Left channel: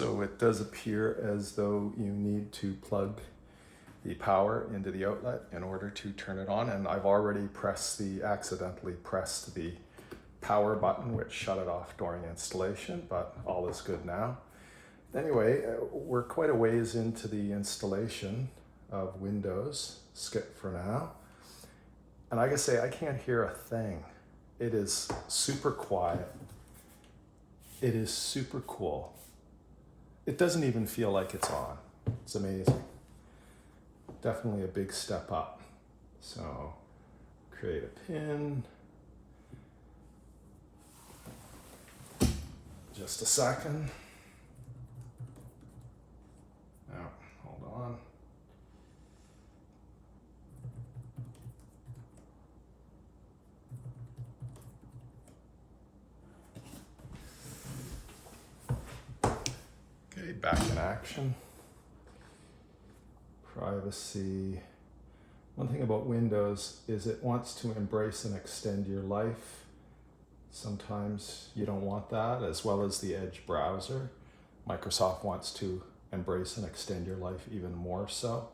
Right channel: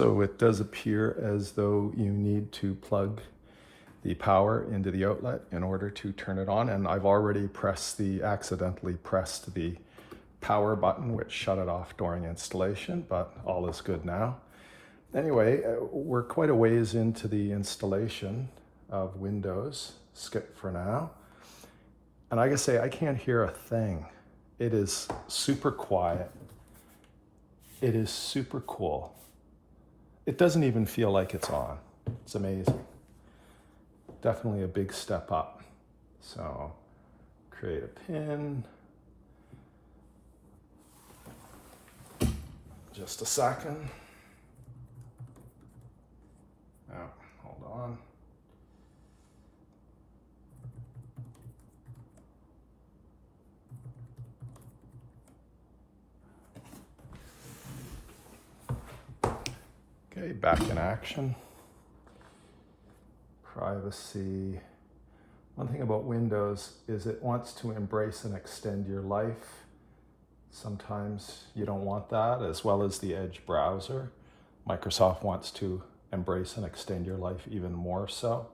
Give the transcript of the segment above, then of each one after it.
So it does appear as though you need to plug the power into the outlet in order to turn it on, and I've already accidentally pressed the power button, which shut it off during installation, but all is good now. Anyway, we're quite a ways into the installation of Windows. Skip for now. And I gotta say, I can't hear a thing. It is super quiet. It is super cool. It doesn't even feel like it's on. It's amazing. Definitely a big step up. So, create a pin. Just a second. Now, hold on. Okay, back in action. Privacy. One thing about Windows is it wants to embrace and extend your life. Sometimes you don't want that, as well as the Edge browser. Microsoft wants to embrace and extend your life even more so.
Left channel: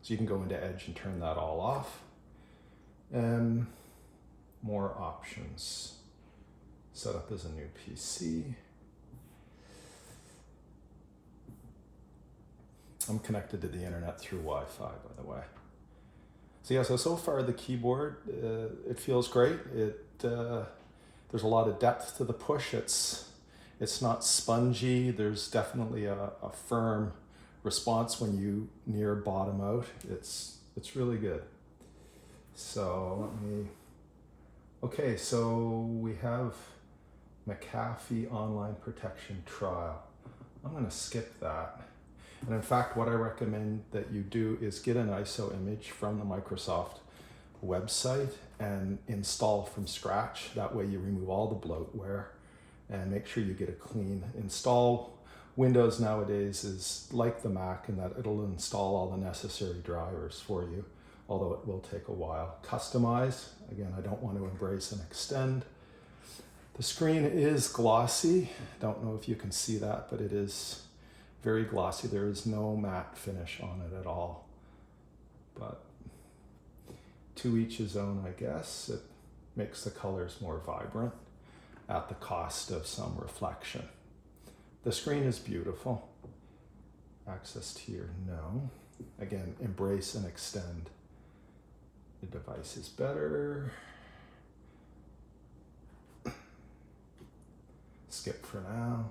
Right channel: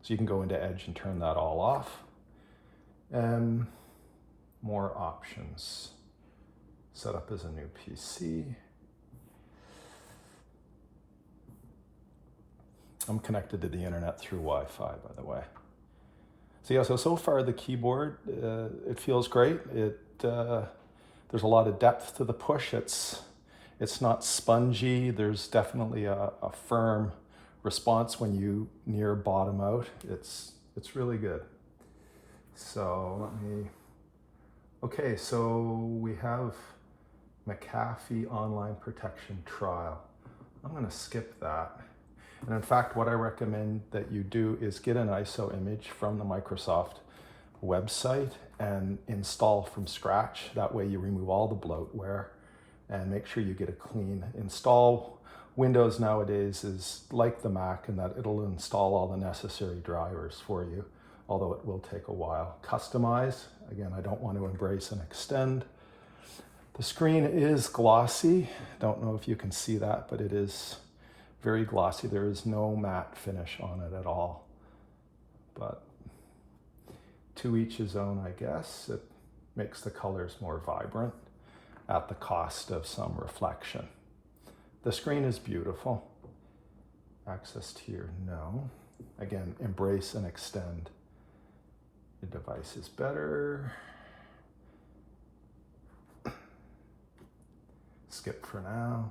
So you can go into Edge and turn that all off. And more options. Set up as a new PC. I'm connected to the internet through Wi-Fi, by the way. So yeah, so far the keyboard, it feels great. There's a lot of depth to the push. It's not spongy. There's definitely a firm response when you near bottom out. It's really good. So okay, so we have McAfee Online Protection Trial. I'm gonna skip that. And in fact, what I recommend that you do is get an ISO image from the Microsoft website and install from scratch. That way you remove all the bloatware and make sure you get a clean install. Windows nowadays is like the Mac in that it'll install all the necessary drivers for you, although it will take a while. Customize, again, I don't want to embrace and extend. The screen is glossy. Don't know if you can see that, but it is very glossy. There is no matte finish on it at all. But to each his own, I guess. It makes the colors more vibrant at the cost of some reflection. The screen is beautiful. Access to your no. Again, embrace and extend. The device is better. Skip for now.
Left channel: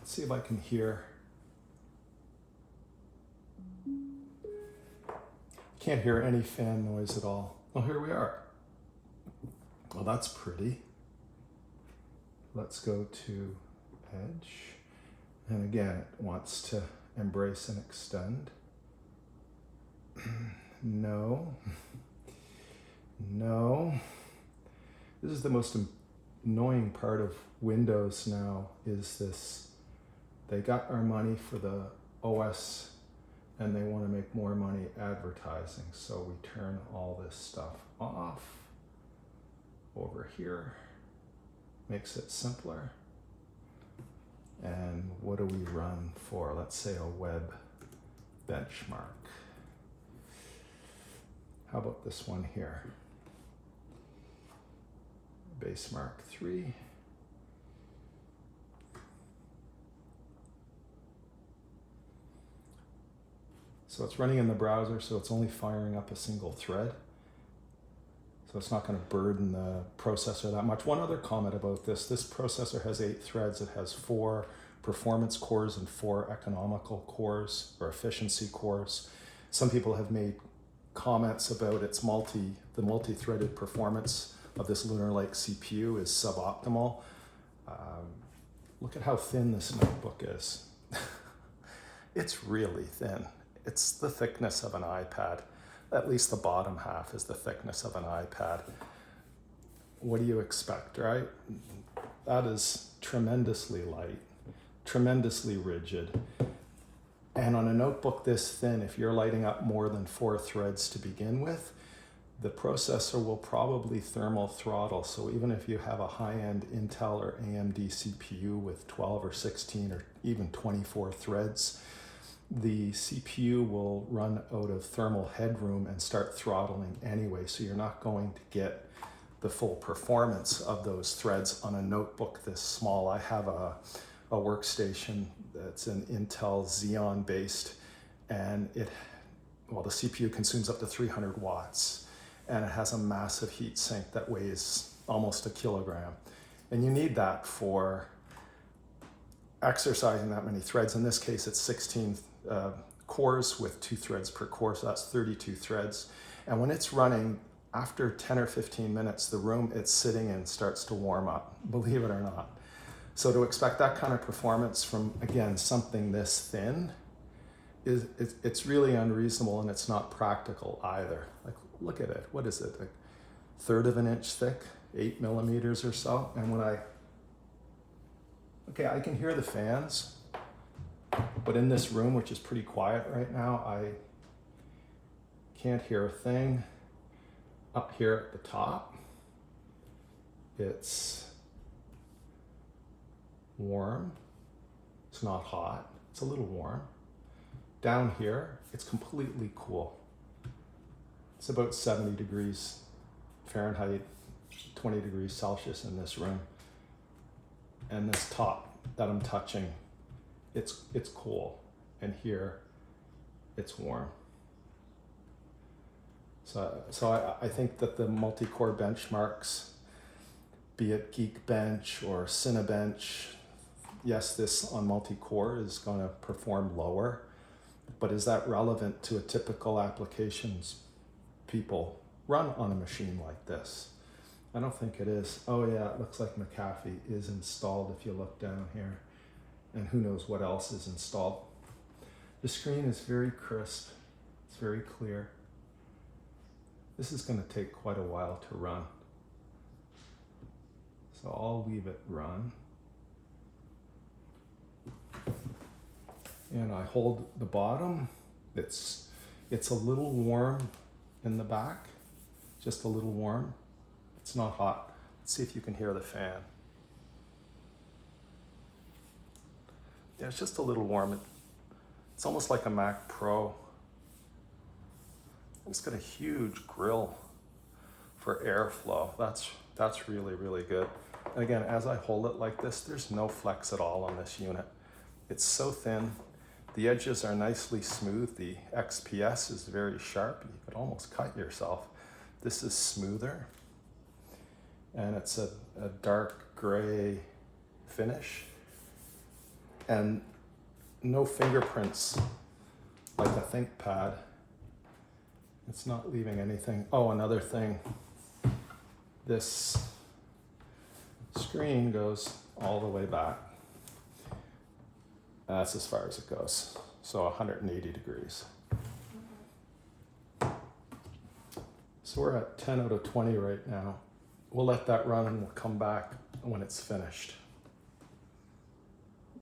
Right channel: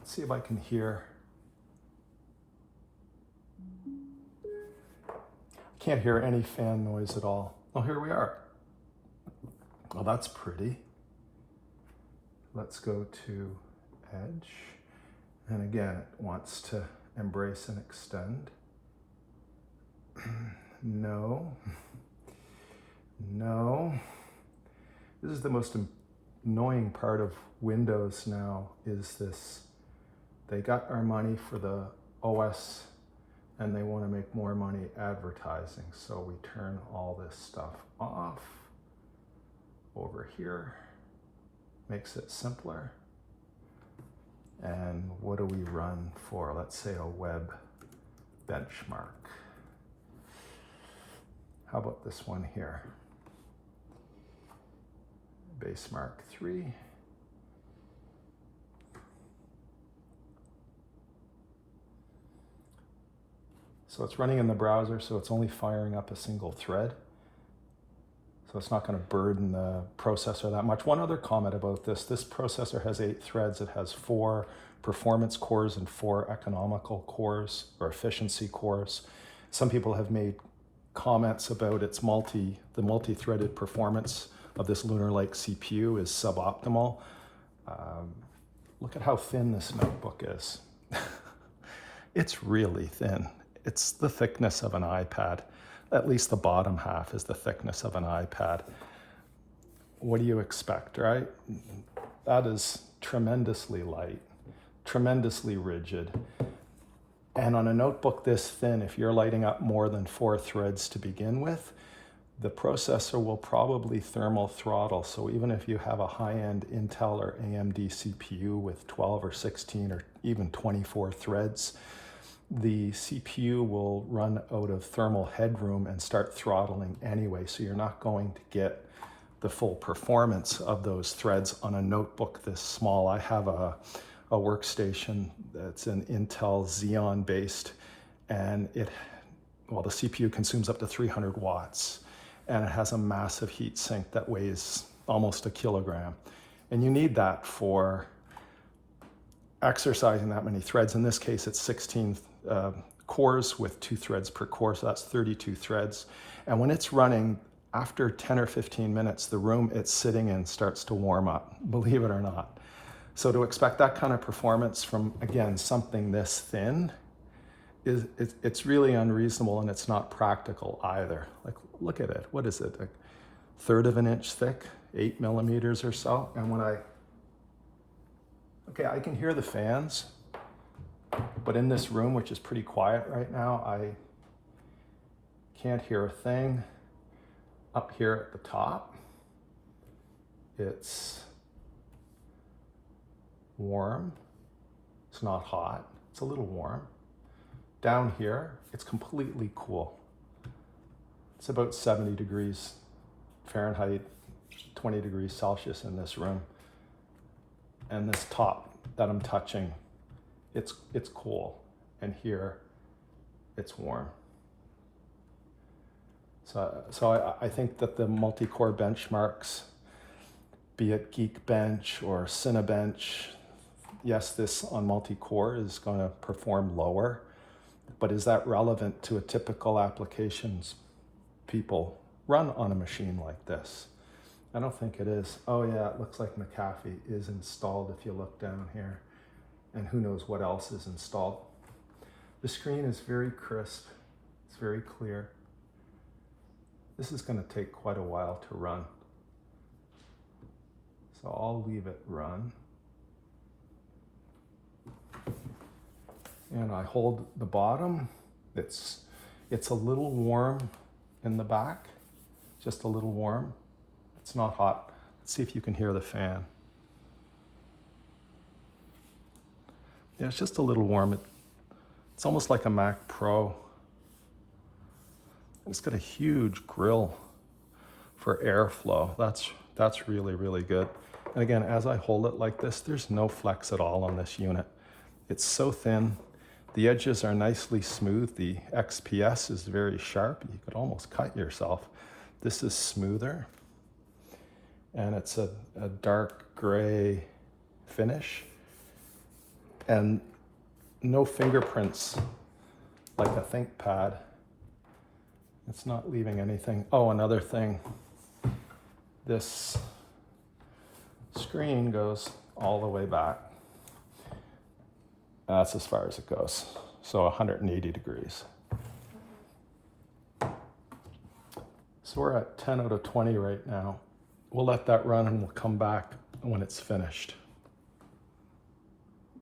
Let's see if I can hear. Can't hear any fan noise at all. Oh, here we are. Well, that's pretty. Let's go to Edge. And again, it wants to embrace and extend. No. No. This is the most annoying part of Windows now, is this. They got our money for the OS and they want to make more money advertising. So we turn all this stuff off. Over here, makes it simpler. And what do we run for? Let's say a web benchmark. How about this one here? Base Mark 3. So it's running in the browser, so it's only firing up a single thread. So it's not going to burden the processor that much. One other comment about this processor has 8 threads. It has 4 performance cores and 4 economical cores or efficiency cores. Some people have made comments about its the multi-threaded performance of this Lunar Lake CPU is suboptimal. Look at how thin this notebook is. It's really thin. It's the thickness of an iPad. At least the bottom half is the thickness of an iPad. What do you expect, right? That is tremendously light, tremendously rigid. And on a notebook this thin, if you're lighting up more than 4 threads to begin with, the processor will probably thermal throttle. So even if you have a high-end Intel or AMD CPU with 12 or 16 or even 24 threads, the CPU will run out of thermal headroom and start throttling anyway. So you're not going to get the full performance of those threads on a notebook this small. I have a workstation that's an Intel Xeon based, and the CPU consumes up to 300 watts. And it has a massive heat sink that weighs almost a kilogram. And you need that for exercising that many threads. In this case, it's 16 cores with 2 threads per core, so that's 32 threads. And when it's running, after 10 or 15 minutes, the room it's sitting in starts to warm up, believe it or not. So to expect that kind of performance from, again, something this thin, it's really unreasonable, and it's not practical either. Like, look at it. What is it? Like 1/3 of an inch thick, 8 millimeters or so. And when I can hear the fans, but in this room, which is pretty quiet right now, I can't hear a thing. Up here at the top, it's warm. It's not hot. It's a little warm. Down here, it's completely cool. It's about 70 degrees Fahrenheit, 20 degrees Celsius in this room. And this top that I'm touching, it's cool. And here, it's warm. So I think that the multi-core benchmarks, be it Geekbench or Cinebench, yes, this on multi-core is going to perform lower, but is that relevant to a typical applications people run on a machine like this? I don't think it is. Oh yeah, it looks like McAfee is installed if you look down here, and who knows what else is installed. The screen is very crisp, it's very clear. This is going to take quite a while to run. So I'll leave it run. And I hold the bottom. It's a little warm in the back, just a little warm. It's not hot. Let's see if you can hear the fan. Yeah, it's just a little warm. It's almost like a Mac Pro. It's got a huge grill for airflow. That's really, really good. And again, as I hold it like this, there's no flex at all on this unit. It's so thin. The edges are nicely smooth. The XPS is very sharp. You could almost cut yourself. This is smoother. And it's a dark gray finish. And no fingerprints like a ThinkPad. It's not leaving anything. Oh, another thing. This screen goes all the way back. That's as far as it goes. So 180 degrees. So we're at 10 out of 20 right now. We'll let that run and we'll come back when it's finished.